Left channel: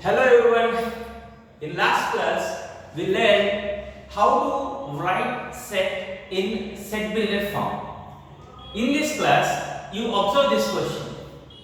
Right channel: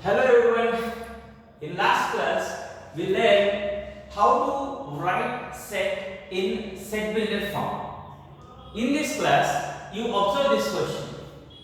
Hello everyone. In last class, we learned how to write set in set builder form. In this class, you observe this question.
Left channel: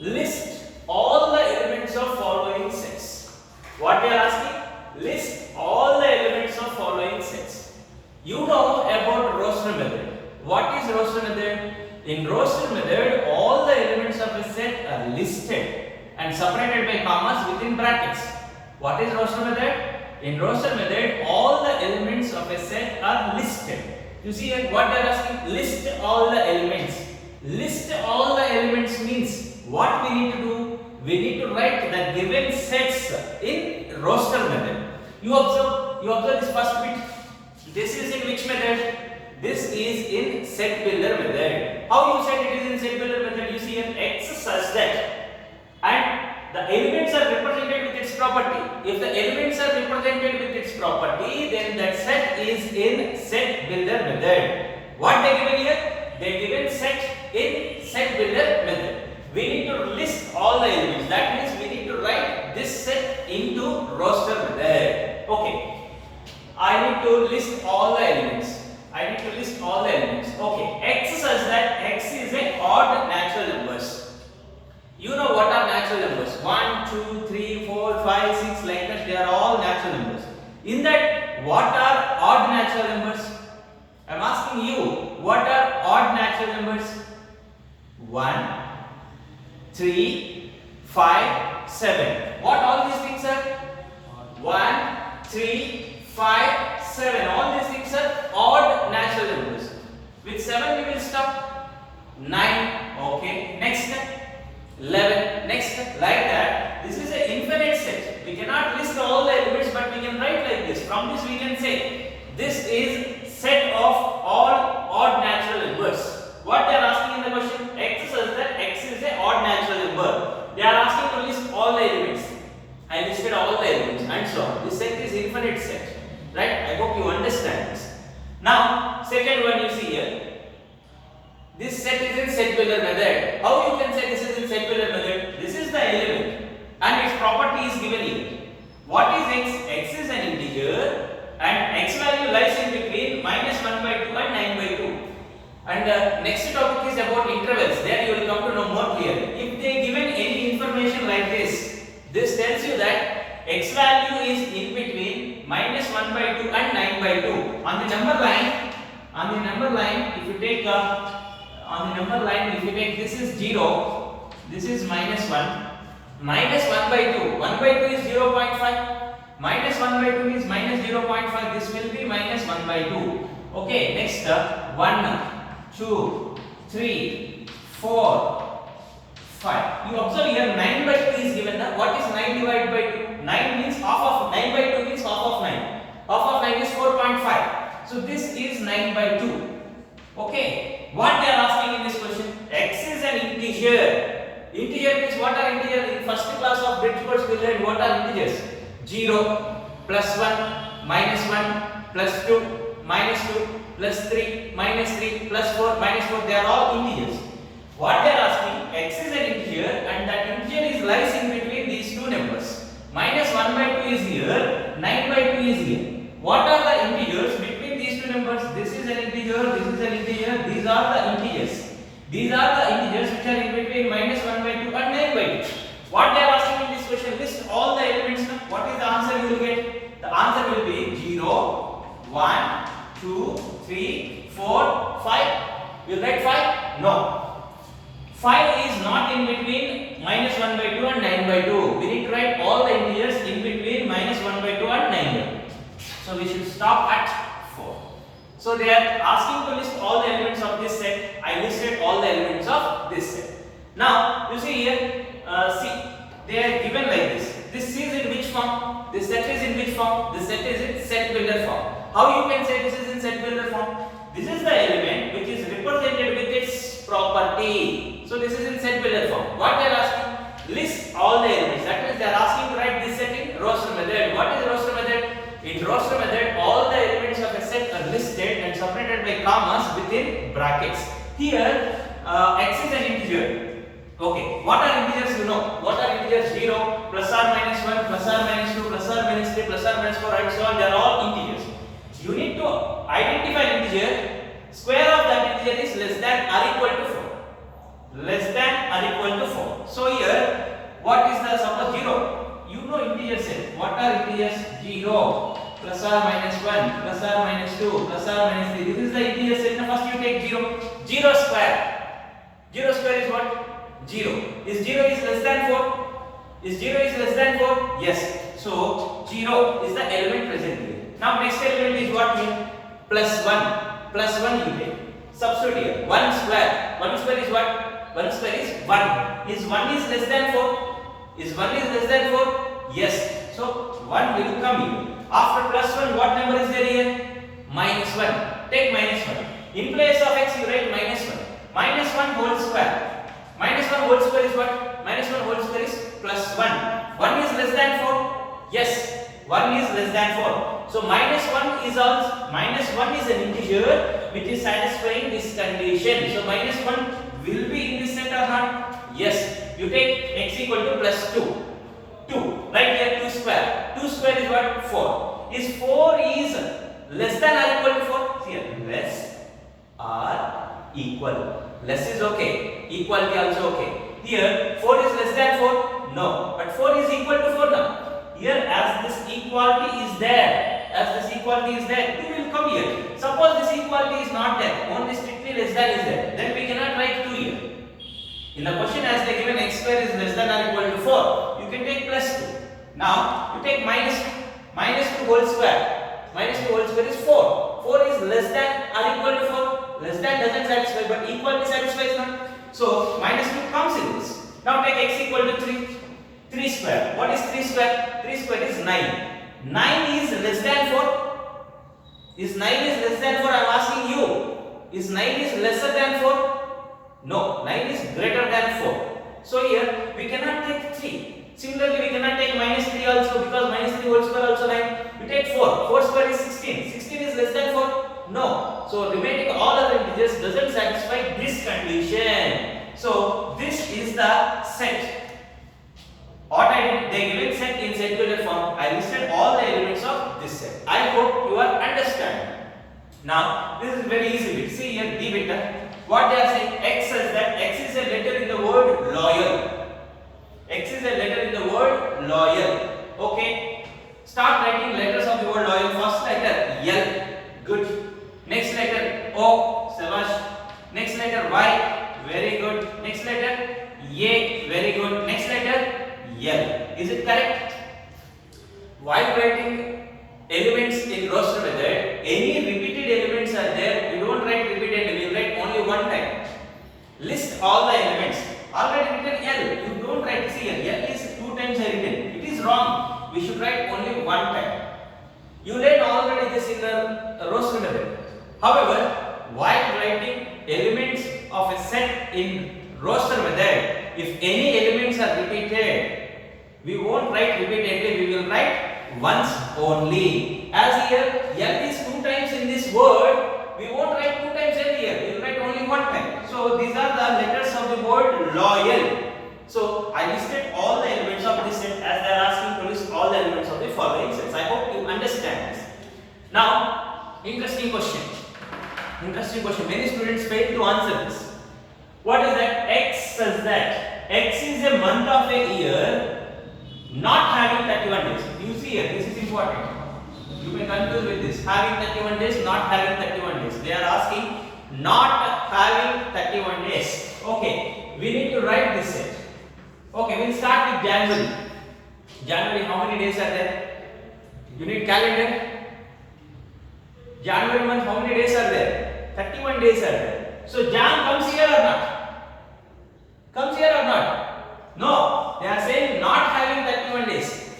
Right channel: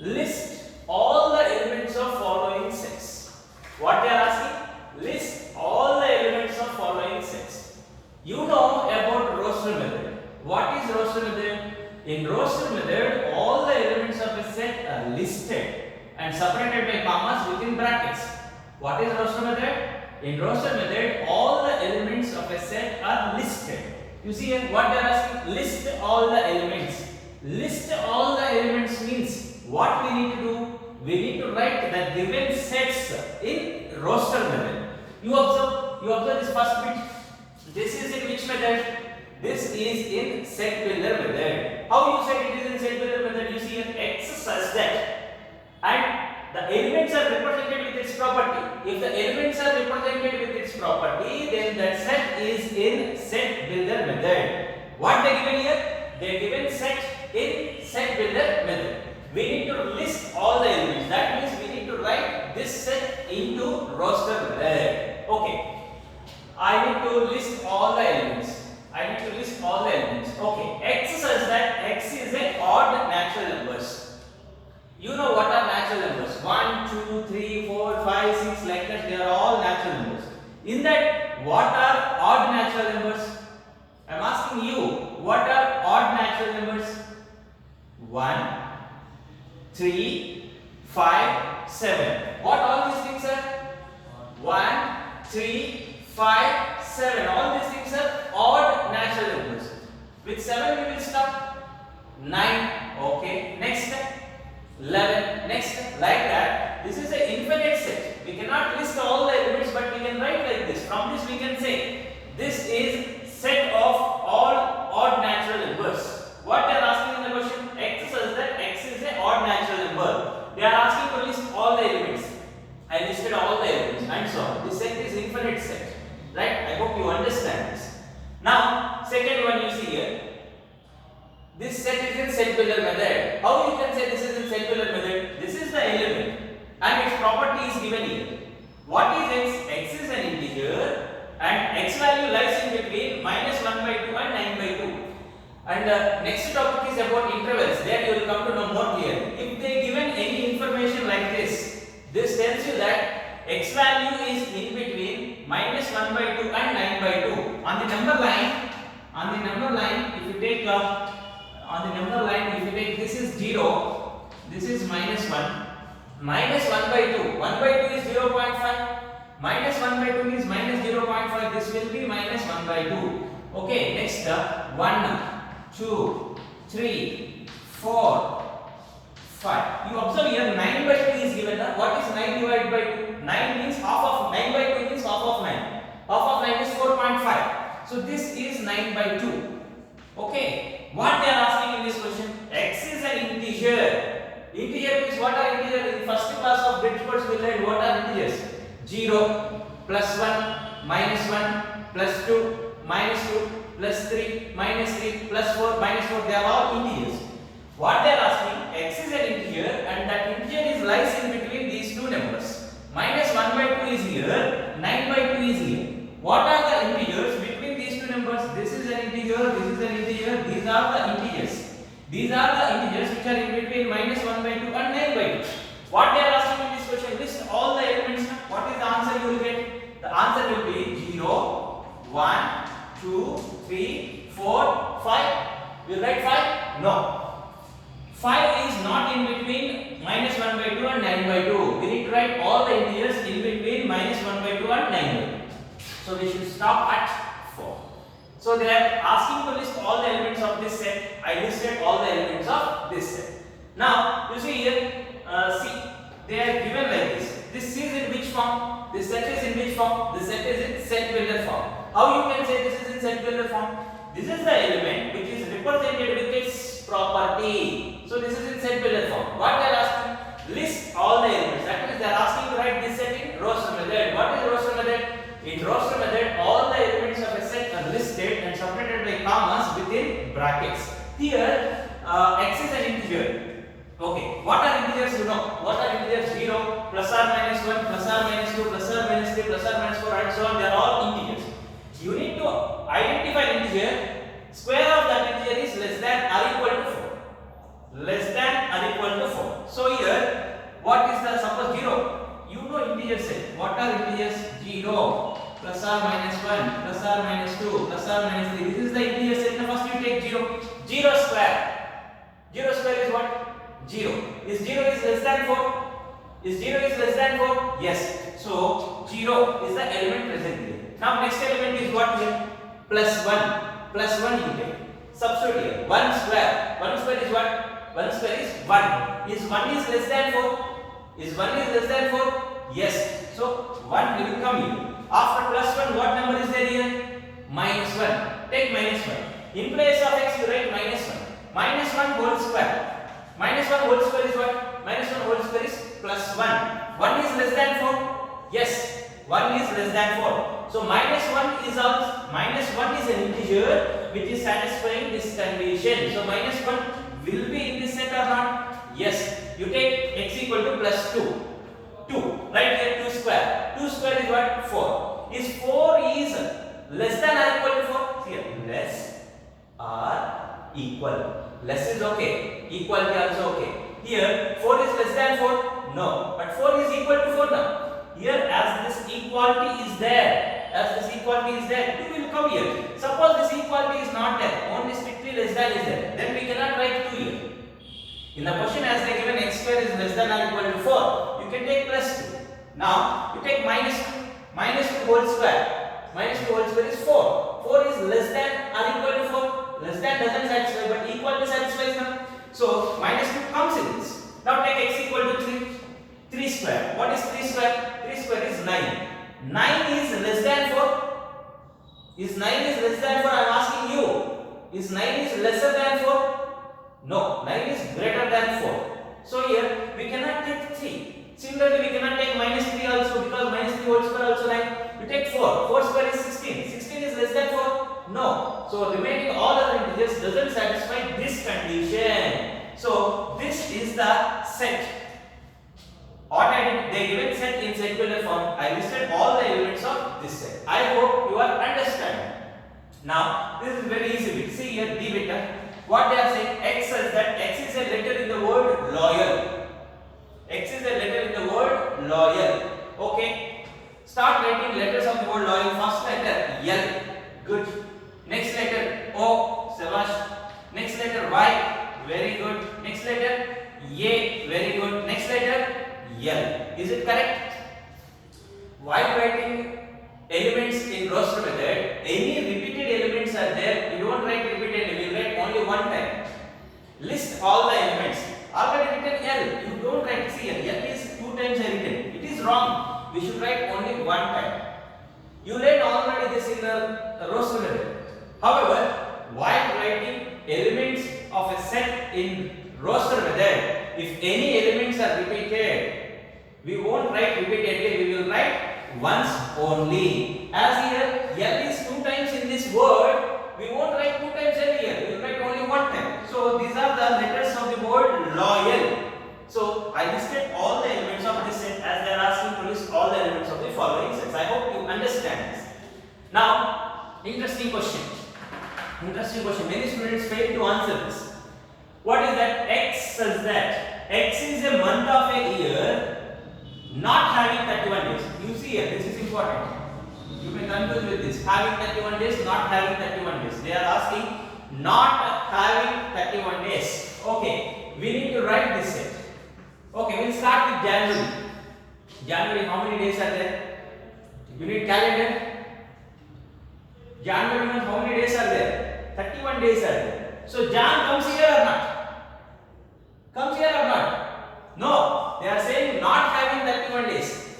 List all the elements of following sets. What they are asking? List all the elements of following sets. You know about roster method. What is roster method? In roster method, all the elements of a set are listed and separated by commas within brackets. What is roster method? In roster method, all the elements of a set are listed. You see here what they are asking? List all the elements. List all the elements means what we need to do? We need to write the given sets in roster method. You observe this first bit. This is in which method? This is in set builder method. How you said it is in set builder method? You see here X such that, and the elements are represented with its property. If the elements are represented with its property, then that set is in set builder method. What they given here? They given set in set builder method. We need to list all the elements. That means we need to write this set into roster method. Okay. I need to list all the elements. Okay. X says that X is a odd natural numbers. You know what are natural numbers? 1, 2, 3, 4, 5, 6, like that. They are all natural numbers. In that, what are odd natural numbers? I am asking you, what are odd natural numbers? 1, 3, 5, 7. What all these things are? 1, 3, 5, 7. All these things are odd natural numbers. With 7 we will stop. 9. Okay. Next. 11. Next. Like that. This is an infinite set. We cannot list all the elements, but we can write like this. From this we can say this is set of all odd natural numbers. What they are asking in the question? X says that X is a odd natural number. They are asking to list all the elements. I listed all the elements and so on. This set is infinite set. Right? I hope you understand this. Now, second one you see here. This set is in set builder method. How you can say this is in set builder method? This is the element and its property is given here. What is X? X is an integer and X value lies in between -1/2 and 9/2. And the next topic is about intervals. There you will come to know more clearly. If they given any information like this, this tells you that X value is in between -1/2 and 9/2. On the number line, if you take this is 0, this is -1, -1/2. 1/2 is 0.5, -1/2 is -0.5. This will be -1/2. Okay, next 1, 2, 3, 4, 5. You observe here 9/2 is given. What is 9 divided by 2? 9 means half of 9/2 means half of 9. Half of 9 is 4.5. So this is 9/2. Okay. What they are asking in this question? X is an integer. Integer means what are integers? In first class of bridge course we learned what are integers. 0, +1, -1, +2, -2, +3, -3, +4, -4. They are all integers. What they are asking? X is an integer and that integer lies in between these two numbers. -1/2 is here, 9/2 is here. What are the integers between these two numbers? This is an integer, this is an integer. These are the integers. These are the integers which are in between -1/2 and 9/2. What they are asking in this question? List all the elements. What is the answer you will get? The answer will be 0, 1, 2, 3, 4, 5. Will write 5? No. 5 is not in between -1/2 and 9/2. We need to write all the integers in between -1/2 and 9/2. So we should stop at 4. So they are asking to list all the elements of this set. I listed all the elements of this set. Now you see here, see they are given like this. This is in which form? This set is in which form? This set is in set builder form. How you can say this is in set builder form? This is the element which is represented with its property. So this is in set builder form. What they are asking? List all the elements. That means they are asking to write this set in roster method. What is roster method? In roster method, all the elements of a set are listed and separated by commas within brackets. Here, X is an integer. Okay, what are integers? You know, what are integers? 0, plus or minus 1, plus or plus or minus 4 and so on, they are all integers. You need to identify an integer. Square of that integer is less than or equal to 4. Less than or equal to 4. So here, what is the suppose 0? You know integer set. What are integers? 0, plus or minus 1, plus or minus 2, plus or minus 3. This is the integer set. Now first you take 0. 0 square. 0 square is what? 0. Is 0 is less than 4? Is 0 is less than 4? Yes. So 0 is the element present here. Now next element is what here? Plus 1. Plus 1 you take. Substitute here. 1 square. 1 square is what? 1 square is 1. Is 1 is less than 4? Is 1 is less than 4? Yes. So 1 will come here. After plus 1, what number is there here? Minus 1. Take minus 1. In place of x, you write minus 1. Minus 1 whole square. Minus 1 whole square is what? Minus 1 whole square is plus 1. 1 is less than 4? Yes. 1 is less than 4. So minus 1 is also an integer which is satisfying this condition. So minus 1 will be in this set or not? Yes. You take x equal to plus 2. 2. Right here 2 square. 2 square is what? 4. Is 4 is less than or equal to 4? See here. Less or equal. Less is okay. Equality also okay. Here 4 is less than 4? No. But 4 is equal to 4 now. Here as this equality is there. We will come here. Suppose this equality is not there. Only strictly less than is there. Then we cannot write 2 here. In the question as they given x square is less than or equal to 4, you can take plus 2. Now you take minus 2. Minus 2 whole square. Minus 2 whole square is 4. 4 is less than or equal to 4. Less than doesn't satisfy, but equality satisfies now. So minus 2 comes in this. Now take x equal to 3. 3 square. What is 3 square? 3 square is 9. 9 is less than 4. Is 9 is less than 4? I am asking you. Is 9 is lesser than 4? No, 9 is greater than 4. So here we cannot take 3. Similarly, we cannot take minus 3 also, because minus 3 whole square also 9. You take 4. 4 square is 16. 16 is less than 4? No. So remaining all other integers doesn't satisfy this condition. So this is the set. What I did, they given set in set builder form. I listed all the elements of this set. I hope you are understanding. Now this is very easy bit. See here d beta. What they are saying, x is that x is a letter in the word loyal. X is a letter in the word loyal. Okay. Start writing letters of the word loyal. First letter L. Good. Next letter O. Sabash. Next letter Y. Very good. Next letter A. Very good. Next letter L. Is it correct? While writing elements in roster method, any repeated elements are there. You don't write repeatedly, you write only one time. List all the elements. Already written L. You don't write C. L is 2 times written. It is wrong. We should write only one time. You learn already this in the roster method. However, while writing elements of a set in roster method, if any elements are repeated, we won't write repeatedly, we will write once only. As here, L is 2 times in this word, we won't write 2 times L here, we will write only one time. So these are the letters of the word loyal. So I listed all the elements of this set as they are asking to list all the elements of the following sets. I hope you understand this. Now, interesting question. Many students fail to answer this. What is that? X says that X is a month of a year not having 31 days. You see here, this is important. You may confuse with this. Having 31 days, not having 31 days. They are asking not having 31 days. Okay, we need to write this set. Okay, we'll start with January. January, how many days are there? You need calendar. January month, how many days are there? 31 days are there. So Jan comes here or not? Comes here or not? No. They are saying not having 31 days.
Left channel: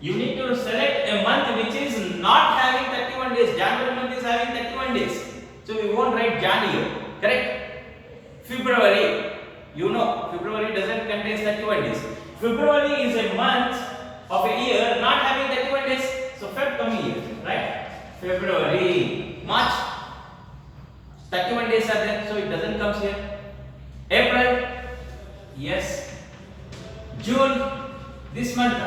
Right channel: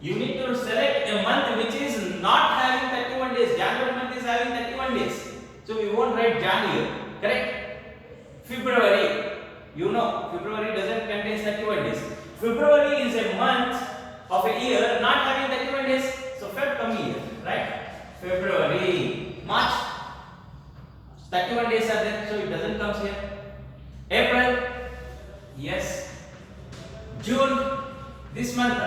You need to select a month which is not having 31 days. January month is having 31 days. So we won't write Jan here. Correct? February. You know, February doesn't contain 31 days. February is a month of a year not having 31 days. So Feb come here. Right? February. March. 31 days are there. So it doesn't come here. April. Yes. June, this month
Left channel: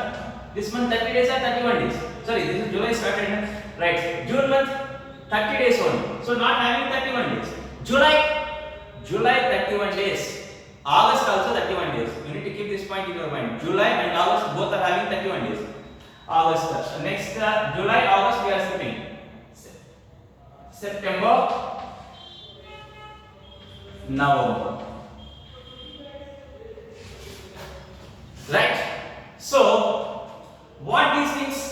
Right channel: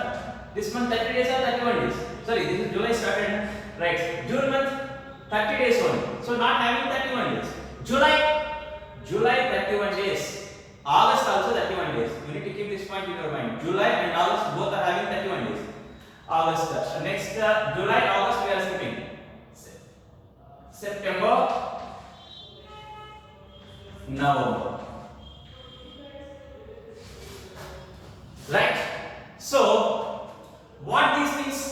30 days or 31 days. Sorry, this is July started, right? June month 30 days only, so not having 31 days. July 31 days. August also 31 days. You need to keep this point in your mind. July and August both are having 31 days. August. Next, July, August we are skipping. September, November. Right? So, what these things?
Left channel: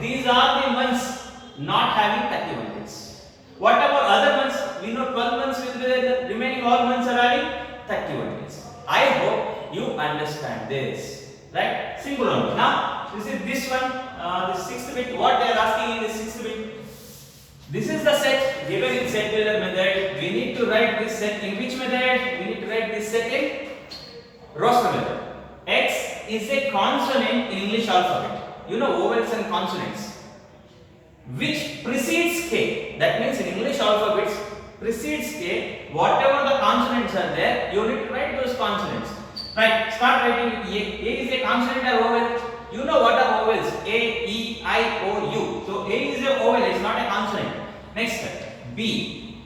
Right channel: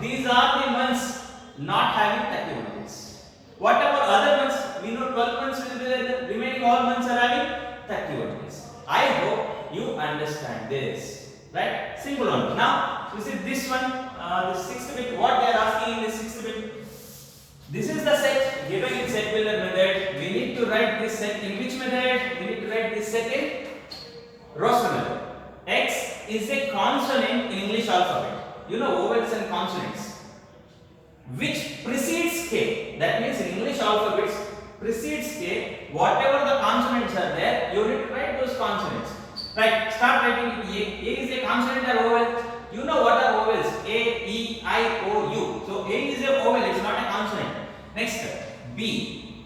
These are the months not having 31 days. What about other months? We know 12 months will be there, the remaining all months are having 31 days. I hope you understand this. Right? Simple one. Now, this one, the sixth bit, what they are asking in the sixth bit. This is the set given in set builder method. We need to write this set in which method? We need to write this set in roster method. X is a consonant in English alphabet. You know vowels and consonants, which precedes K. That means in English alphabets precedes K. Whatever the consonants are there, you need to write those consonants. Right? Start writing A. A is a consonant or vowel. You know what are vowels? A, E, I, O, U. So A is a vowel. It's not a consonant. Next, B.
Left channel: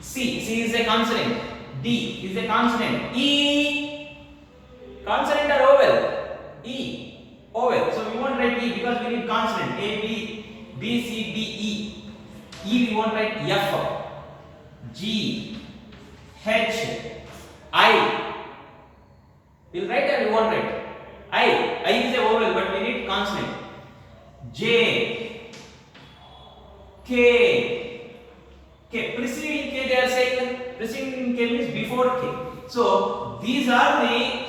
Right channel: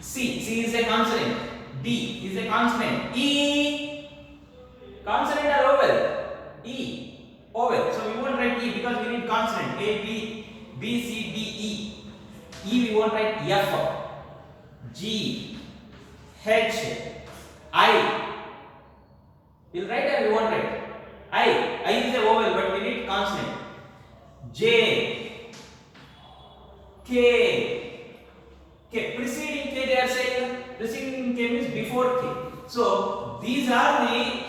C is a consonant. D is a consonant. E, consonant or vowel? E, vowel. So we won't write E because we need consonant. A, B, C, D, E. E we won't write F. G, H, I. We'll write or we won't write? I is a vowel, but we need consonant. J, K, preceding K they are saying, preceding K means before K. So these are the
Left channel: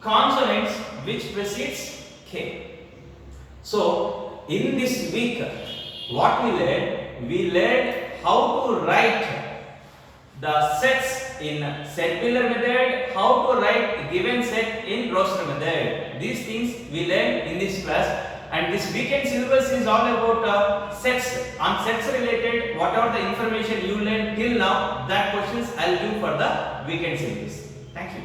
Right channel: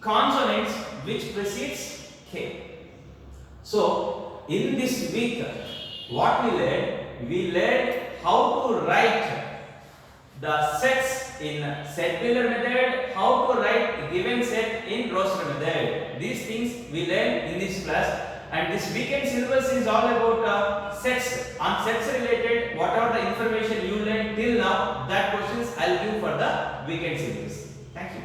consonants which precedes K. So in this week, what we learned how to write the sets in set builder method, how to write a given set in roster method. These things we learned in this class, and this weekend syllabus is all about sets. On sets related, whatever the information you learned till now, that questions I'll give for the weekend syllabus. Thank you.